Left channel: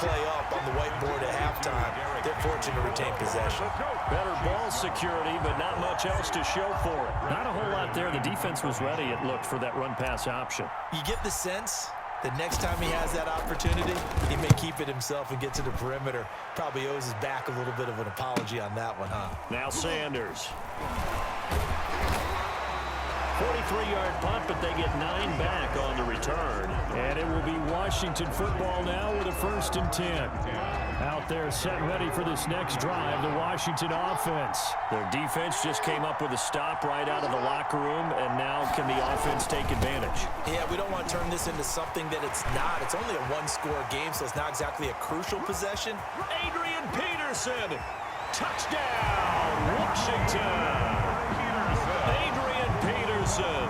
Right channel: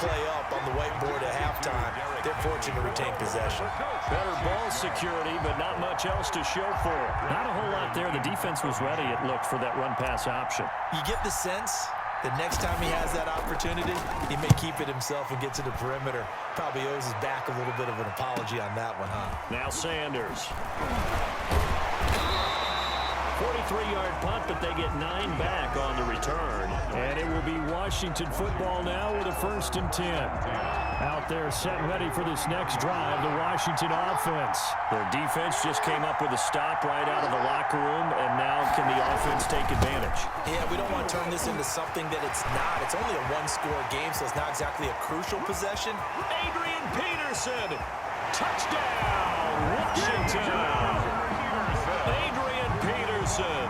play up on the whiteboard at halftime. They're fortunate to retain possession. Better ball security, but not much else to show for it. Not a whole lot there. The defense was ready, it looked, for that run-pass option. You get the sense that next time he has that opportunity, he may keep it himself and get to the perimeter. Probably owes his back a little bit of an apology on that one, huh? Now Sanders. 43-yard punt, but they get 9 back on the return. And it will be Washington football now with a 1st and 10. Out there set ready for this next drive, the Washington offense. Their defense just came up with a stop right out of the locker room, and now can the offense take advantage? Yeah, we don't want to turn this into something that it's not. It's only a one-score game, so it's not exactly a crucial possession. Adrian Peterson, touchdown, Washington. Adrian Peterson,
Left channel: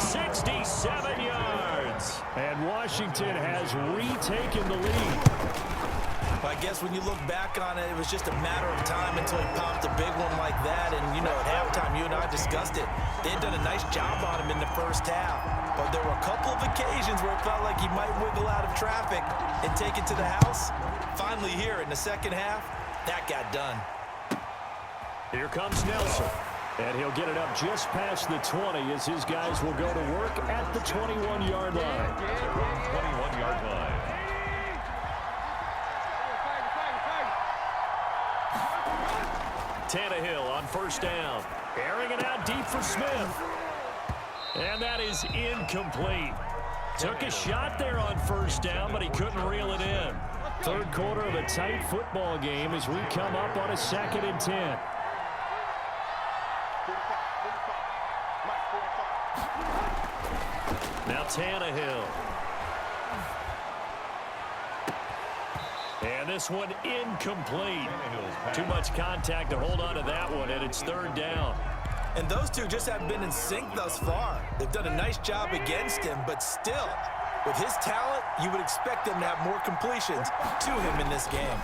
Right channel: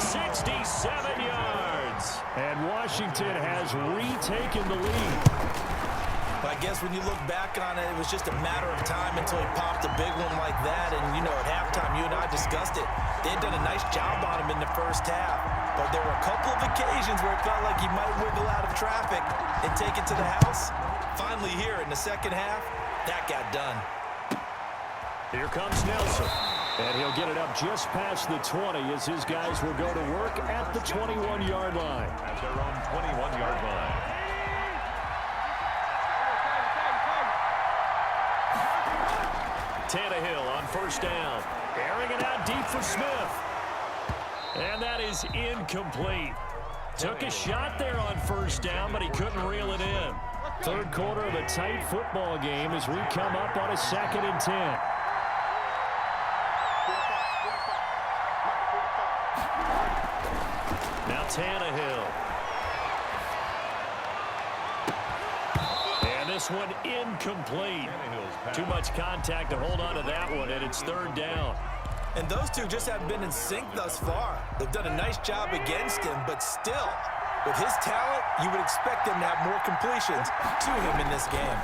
67 yards. And Washington has retaken the lead. Well, I guess when you look back on it, it was just a matter of time until he popped a big one like that. And, you know, at halftime, you and I discussed it. They had done a nice job on him in the first half. But there were a couple of occasions where it felt like he might wiggle out of traffic and take it to the house. Finally here in the second half, that got done. Here comes Nelson. And he'll get it up just past the 20 as his guys will go to work at the 21-yard line. At their own 21-yard line. Tannehill on 1st down. Airing it out deep for Smith. And that is incomplete. Took a shot there on 1st down, but he couldn't reel it in. Third quarter of a tight football game as we come up on a 2nd and 10. Now Tannehill. And this one incomplete. Too much contact to hold on to that one, and it's 3rd down. And those two just haven't been in sync thus far. They've done a nice job against him, but still, with his talent, you would expect them to have more completions to him in this game.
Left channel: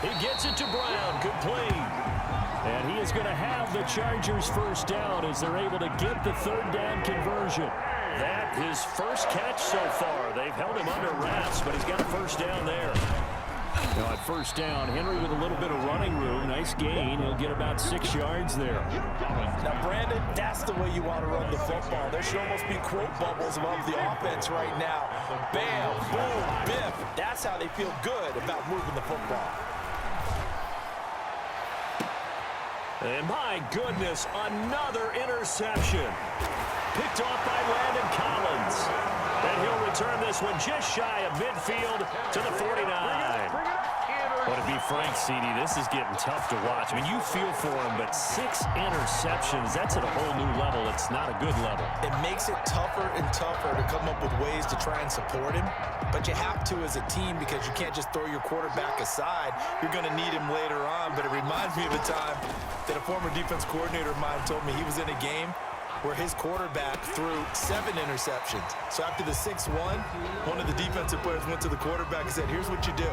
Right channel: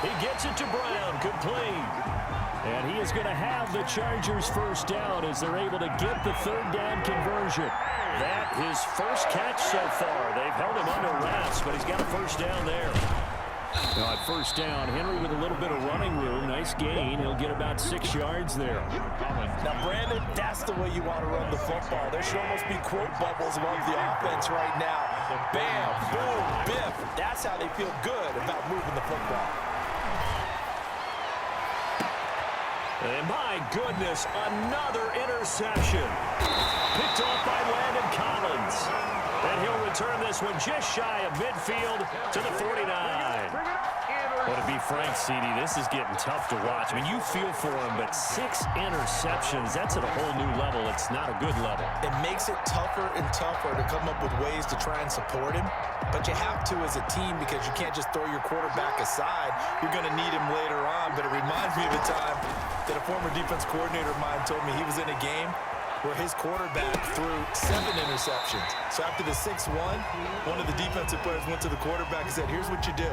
He gets it to Brown, complete. And he is going to have the Chargers 1st down as they're able to get the 3rd down conversion. That his first catch so far. They've held him under wraps, but he's got a 1st down there. Now at 1st down, Henry with a little bit of running room. Nice gain. He'll get about 6 yards there. Now, Brandon, that's the way you want to run the football. There should almost be quote bubbles above the offense right now. Bam, boom, biff. That's how they feel good about moving the football. And my goodness, another interception. Picked off by Landon Collins. And he'll return this one just shy of midfield to the 49. Well, to be frank, CD, this is getting tough to watch. I mean, you feel for him, but 6 interceptions, that's at a whole new level. It's not a good level. It makes it tougher and tougher to come up with ways to try and support him. But you have to as a team because you can't just throw your quarterback aside. You're going to need him later on. But it reminds me of a time that a former defense coordinator of mine told me he was in a game where his quarterback threw 7 interceptions. So after the 6-1, one of the defensive players went to the quarterback and said, here's what you do.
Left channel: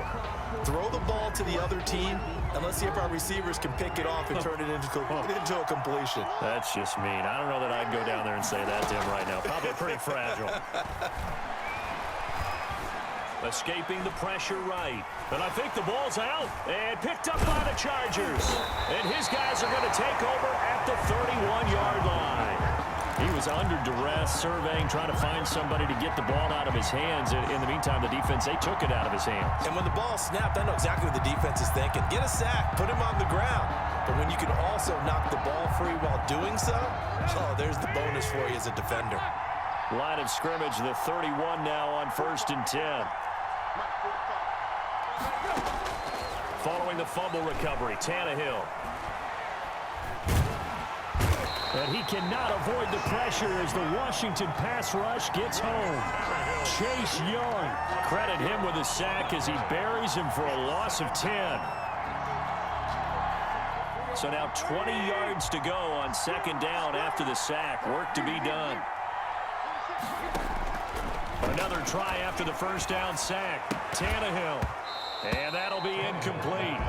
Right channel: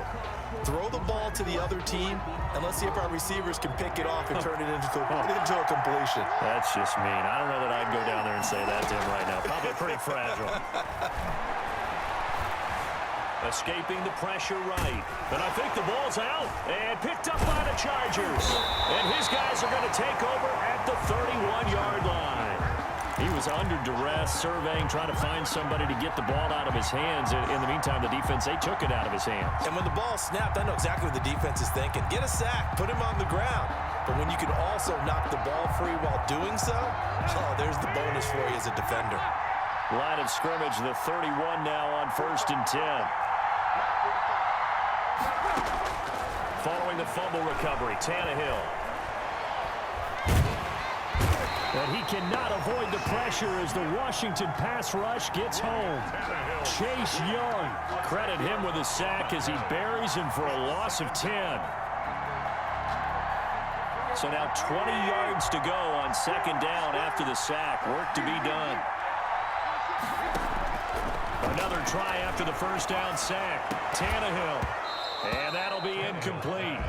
Throw the ball to the other team, and let's see if our receivers can pick it off and turn it into a completion. That's just mean. I don't know that I'd go down there and say that to him right now. Probably pretty fragile. Escaping the pressure right. And I think the ball's out. And picked up by the Chargers. And his guys are going to take over at the 31-yard line. He was under duress, surveying, trying to find somebody to get the ball out of his hands. In the meantime, the defense, they took it out of his hands. And when the ball snapped, I know exactly what the defense is thinking. Get a sack, put him on the ground. But when you can also knock the ball free while doing so, oh, there's the bonus for you as a defender. Line of scrimmage, the 31 now on 1st and 10. Following the fumble recovery, Tannehill. And he cannot avoid the pressure as the Washington pass rush gets home. Chase Young, credit him with a sack as he buries him for a loss of 10. So now 20 yards to go on 2nd down after the sack. Work to be done. Another try after the 1st down sack. Tannehill. And that'll be incomplete.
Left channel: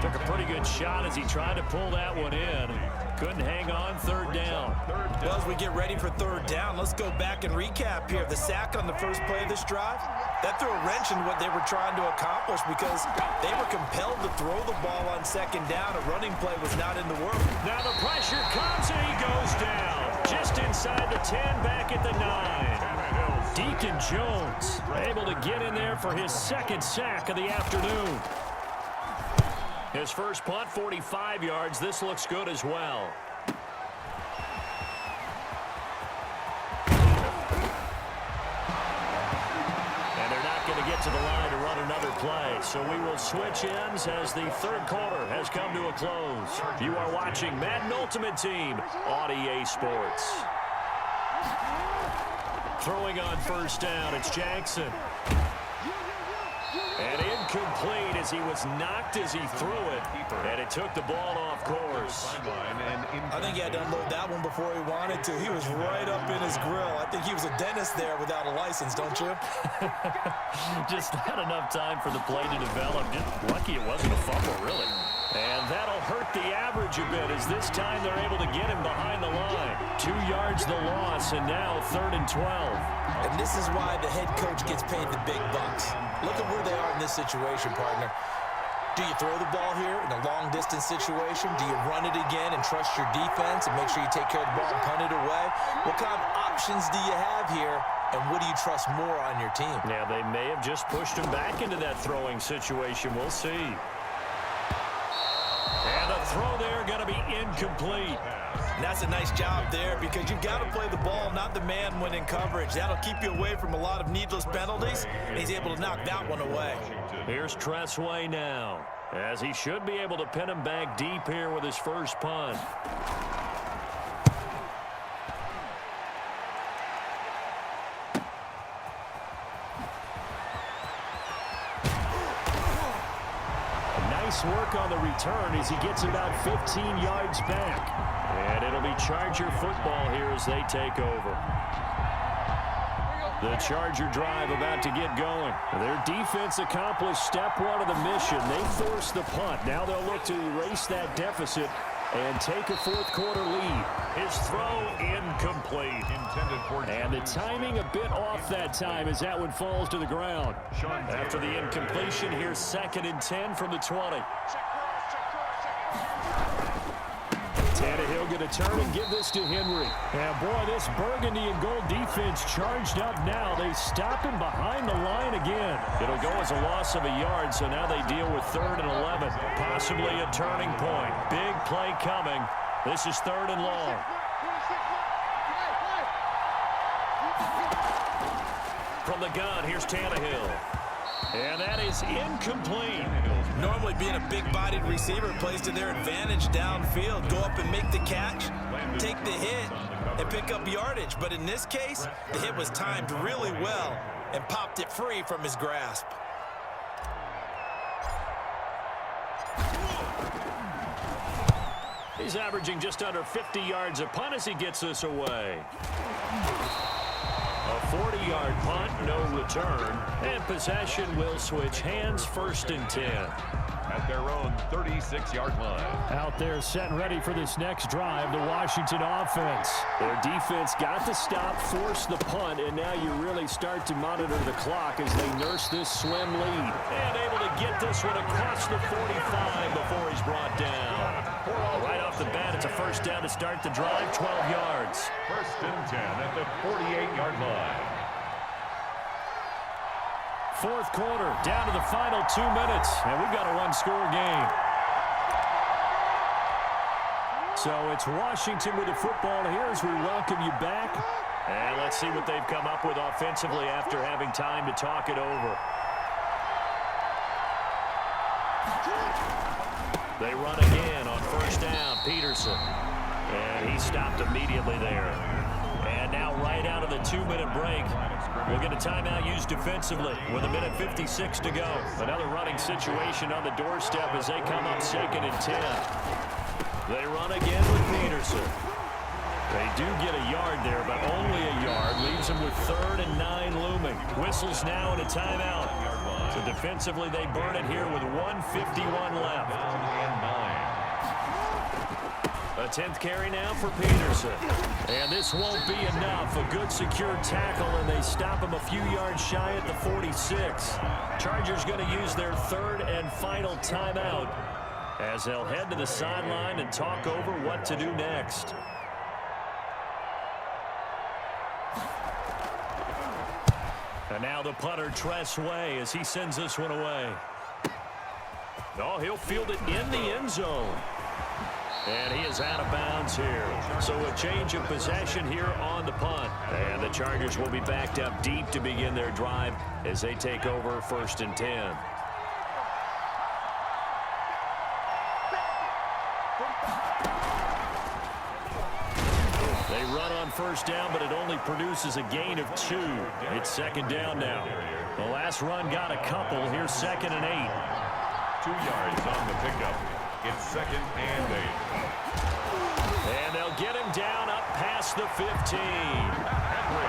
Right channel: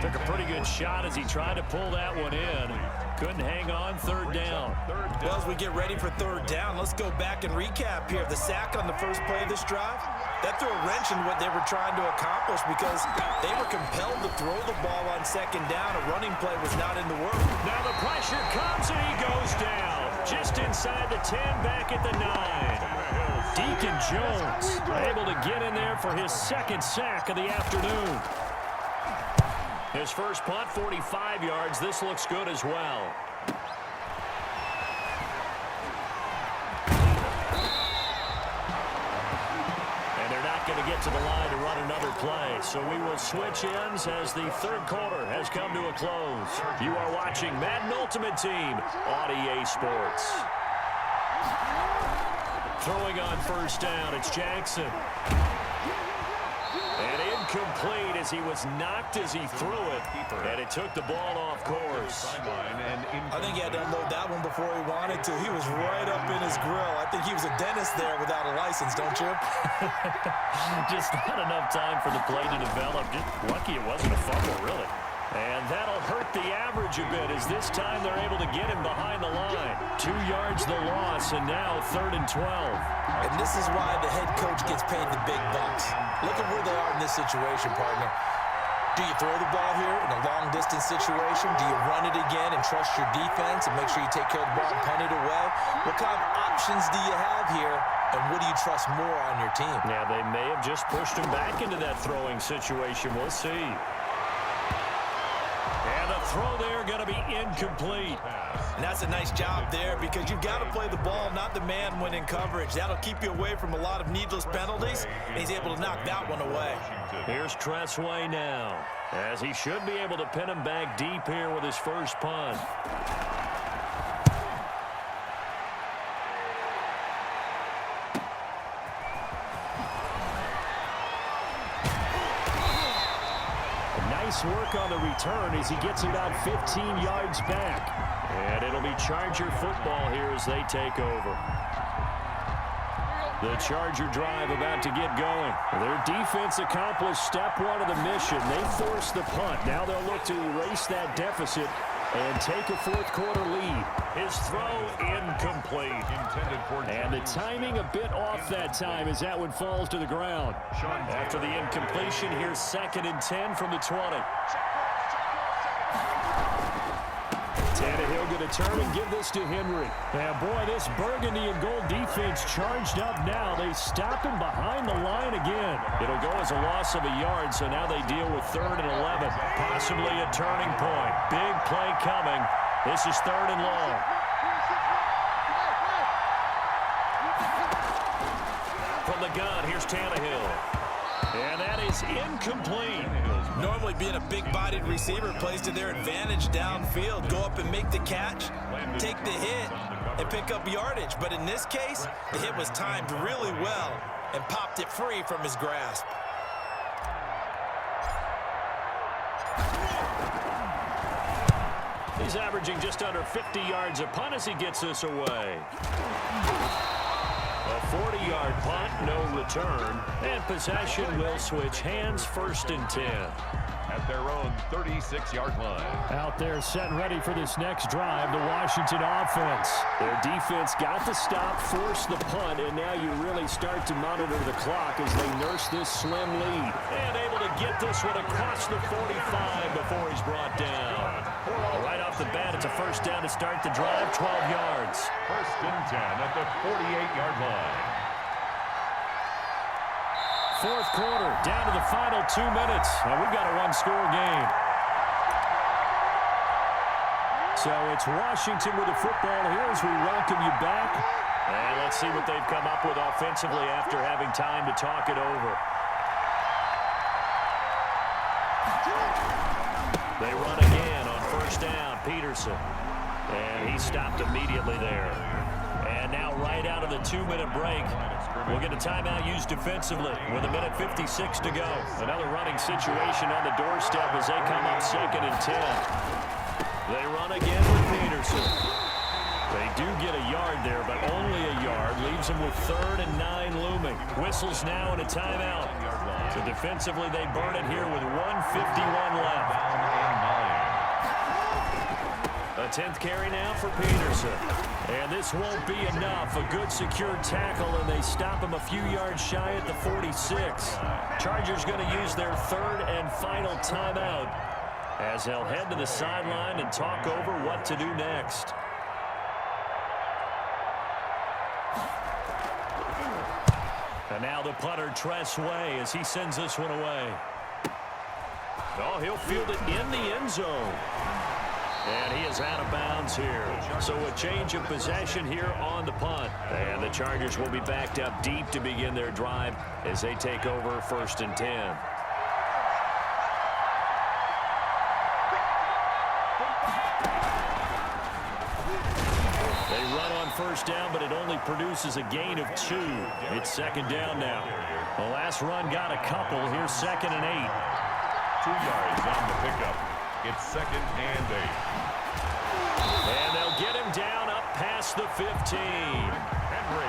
Took a pretty good shot as he tried to pull that one in. Couldn't hang on. Third down. Well, as we get ready for third down, let's go back and recap here. The sack on the first play of this drive, that threw a wrench in what they were trying to accomplish because they were compelled to throw the ball on second down. A running play was not in the work. Now the pressure comes and he goes down. Just inside the 10, back at the 9. Deacon Jones able to get in there for his second sack of the afternoon. His first punt, 45 yards. This looks good as well. And they're not going to get to the line to run another play. So we will switch ends as the third quarter has come to a close. You are watching Madden Ultimate Team on EA Sports. Throwing on first down, it's Jackson. And incomplete as he was knocked as he threw it. And it took the ball off course. I think he had to unload that one before he wanted to. He was right up in his grill. I think he was a dentist there without a license, don't you? Just not enough time for the play to develop. Just lucky it wasn't a fumble, really. And that'll hurt the average a bit as this time they're able to get him behind the line. 2 yards the loss, and now 3rd and 12. And this is why the head coach gets paid the big bucks. Look at where they are in this situation, partner. Do you throw the ball here in a long-distance situation? Do you run it again and trust your defense and make sure you take care of the ball and punt it away? What kind of options do you have here, and what do you trust more on your team? Yeah, they may have just pushed him back into that throwing situation. We'll see. And the throw there going to be incomplete. And that's a nice job there because you've got to play the ball, not the man when in coverage. That'll keep you away from a lot of needless penalties, and he's able to knock that one away. Here's Tressway now, as he should be able to pin him back deep here with his first punt. Nice work on the return as he gets about 15 yards back. And it'll be Charger football here as they take over. The Charger drive about to get going. Their defense accomplished step one of the mission. They forced the punt. Now they'll look to erase that deficit and take a fourth quarter lead. His throw incomplete. And the timing a bit off that time as that one falls to the ground. After the incompletion, here's 2nd and 10 from the 20. Tannehill going to turn and give this to Henry. And boy, this burgundy and gold defense charged up now. They stop him behind the line again. It'll go as a loss of a yard, so now they deal with 3rd and 11. Possibly a turning point. Big play coming. This is 3rd and long. From the gun, here's Tannehill. And that is incomplete. Normally being a big-bodied receiver plays to their advantage downfield. Go up and make the catch, take the hit, and pick up yardage. But in this case, the hit was timed really well and popped it free from his grasp. He's averaging just under 50 yards a punt as he gets this away. A 40-yard punt, no return, and possession will switch hands, 1st and 10. At their own 36-yard line. Out there set and ready for this next drive, the Washington offense. Their defense got the stop, forced the punt, and now you really start to monitor the clock as they nurse this slim lead. And able to get this one across the 45 before he's brought down. Right off the bat, it's a first down to start the drive, 12 yards. 1st and 10 at the 48-yard line. 4th quarter, down to the final 2 minutes, and we've got a one-score game. So it's Washington with the football here as we welcome you back. And let's see what they've come up with offensively after having time to talk it over. They run again on first down, Peterson. And he stopped immediately there. And now right out of the 2-minute break, we'll get a timeout used defensively with 1:56 to go. Another running situation on the doorstep as they come up 2nd and 10. They run again with Peterson. They do get a yard there, but only a yard. Leaves them with 3rd and 9 looming. Whistles now and a timeout. So defensively, they burn it here with 1:51 left. Down and 9. A 10th carry now for Peterson. And this won't be enough. A good secure tackle, and they stop him a few yards shy at the 46. Chargers going to use their 3rd and final timeout as they'll head to the sideline and talk over what to do next. And now the punter, Tress Way, as he sends this one away. Oh, he'll field it in the end zone. And he is out of bounds here. So a change of possession here on the punt. And the Chargers will be backed up deep to begin their drive as they take over 1st and 10. They run on 1st down, but it only produces a gain of 2. It's 2nd down now. The last run got a couple. Here's 2nd and 8. 2 yards on the pickup. It's 2nd and 8. And they'll get him down up past the 15.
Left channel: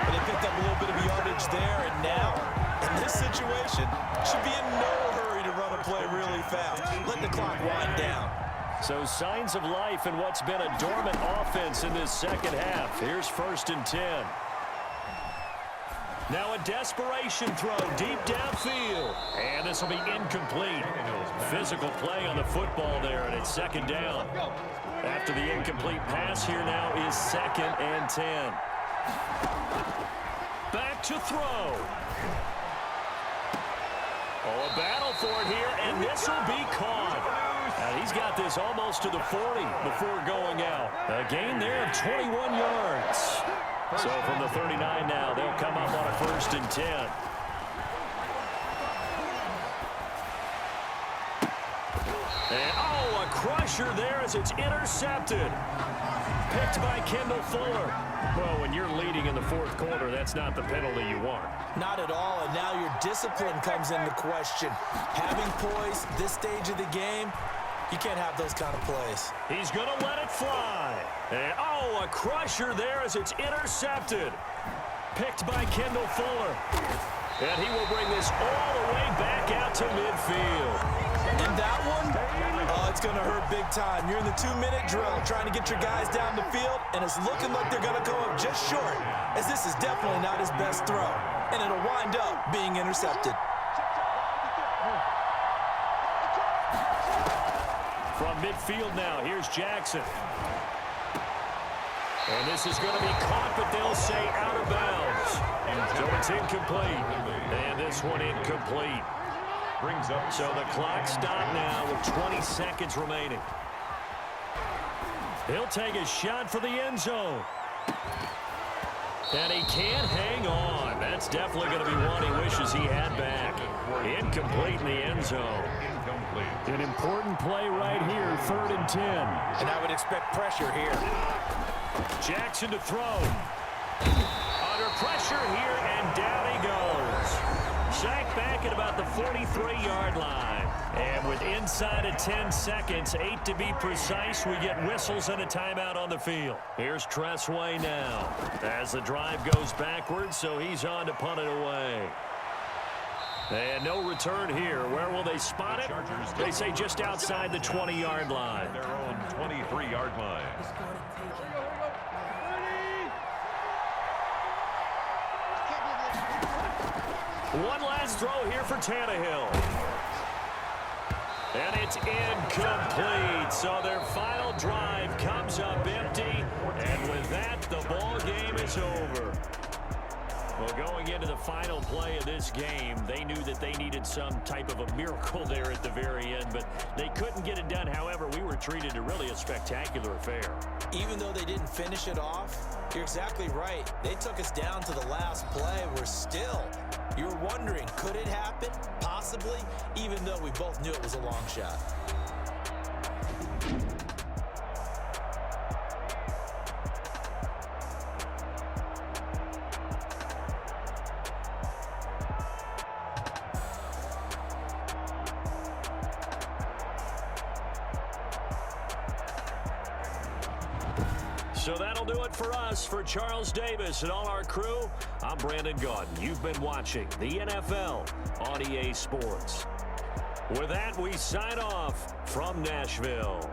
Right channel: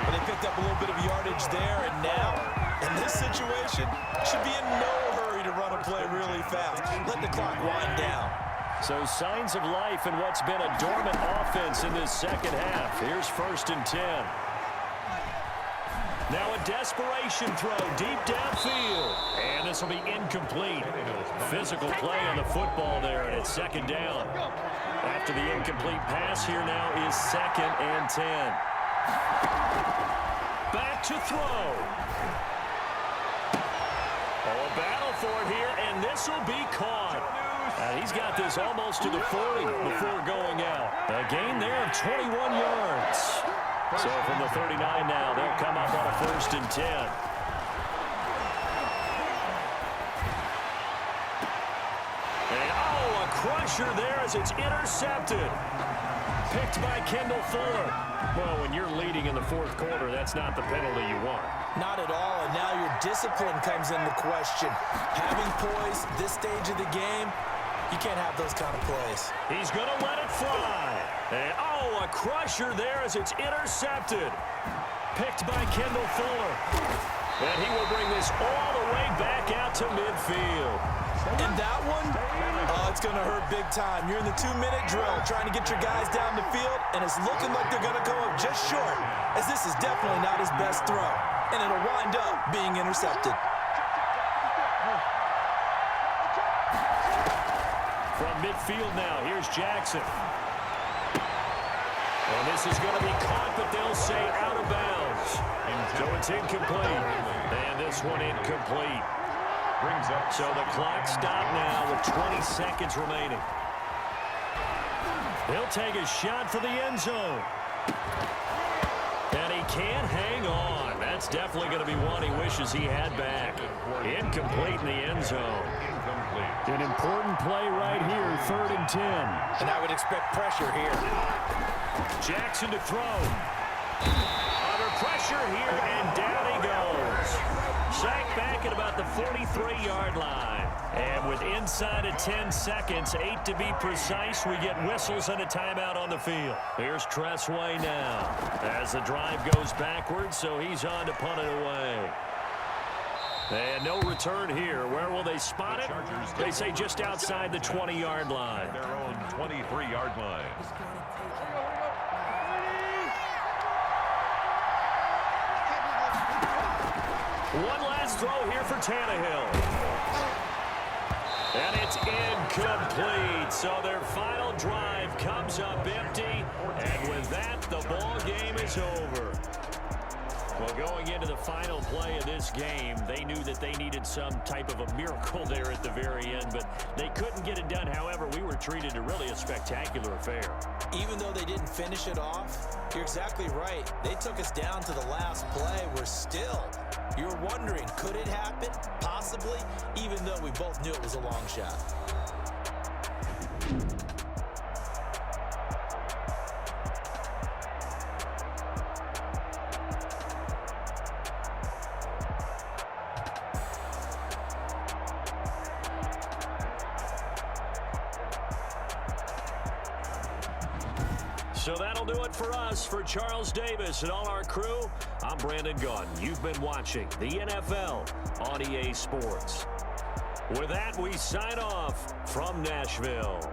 But they picked up a little bit of yardage there, and now, in this situation, should be in no hurry to run a play really fast. Let the clock wind down. So signs of life in what's been a dormant offense in this 2nd half. Here's 1st and 10. Now a desperation throw deep downfield. And this will be incomplete. Physical play on the football there, and it's 2nd down. After the incomplete pass, here now is 2nd and 10. Back to throw. Oh, a battle for it here, and this will be caught. And he's got this almost to the 40 before going out. A gain there of 21 yards. So from the 39 now, they'll come up on a 1st and 10. And, oh, a crusher there as it's intercepted. Picked by Kendall Fuller. Well, when you're leading in the 4th quarter, that's not the penalty you want. Not at all, and now your discipline comes into question. Having poise this stage of the game, you can't have those kind of plays. He's going to let it fly. And, oh, a crusher there as it's intercepted. Picked by Kendall Fuller. And he will bring this all the way back out to midfield. And that one, oh, it's going to hurt big time. You're in the 2-minute drill trying to get your guys down the field, and it's looking like they're going to come up just short, as this is definitely not his best throw. And it'll wind up being intercepted. From midfield now, here's Jackson. And this is going to be caught, but they'll say out of bounds. So it's incomplete. And this one incomplete. Brings up. So the clock stopped now with 20 seconds remaining. He'll take a shot for the end zone. And he can't hang on. That's definitely going to be one he wishes he had back. Incomplete in the end zone. Incomplete. An important play right here, 3rd and 10. And I would expect pressure here. Jackson to throw. Under pressure here, and down he goes. Sacked back at about the 43-yard line. And with inside of 10 seconds, 8 to be precise, we get whistles and a timeout on the field. Here's Tress Way now as the drive goes backwards, so he's on to punt it away. And no return here. Where will they spot it? They say just outside the 20-yard line. Their own 23-yard line. One last throw here for Tannehill. And it's incomplete. So their final drive comes up empty. And with that, the ball game is over. Well, going into the final play of this game, they knew that they needed some type of a miracle there at the very end, but they couldn't get it done. However, we were treated to really a spectacular affair. Even though they didn't finish it off, you're exactly right. They took us down to the last play. We're still, you're wondering, could it happen? Possibly, even though we both knew it was a long shot. So that'll do it for us. For Charles Davis and all our crew, I'm Brandon Gaudin. You've been watching the NFL on EA Sports. With that, we sign off from Nashville.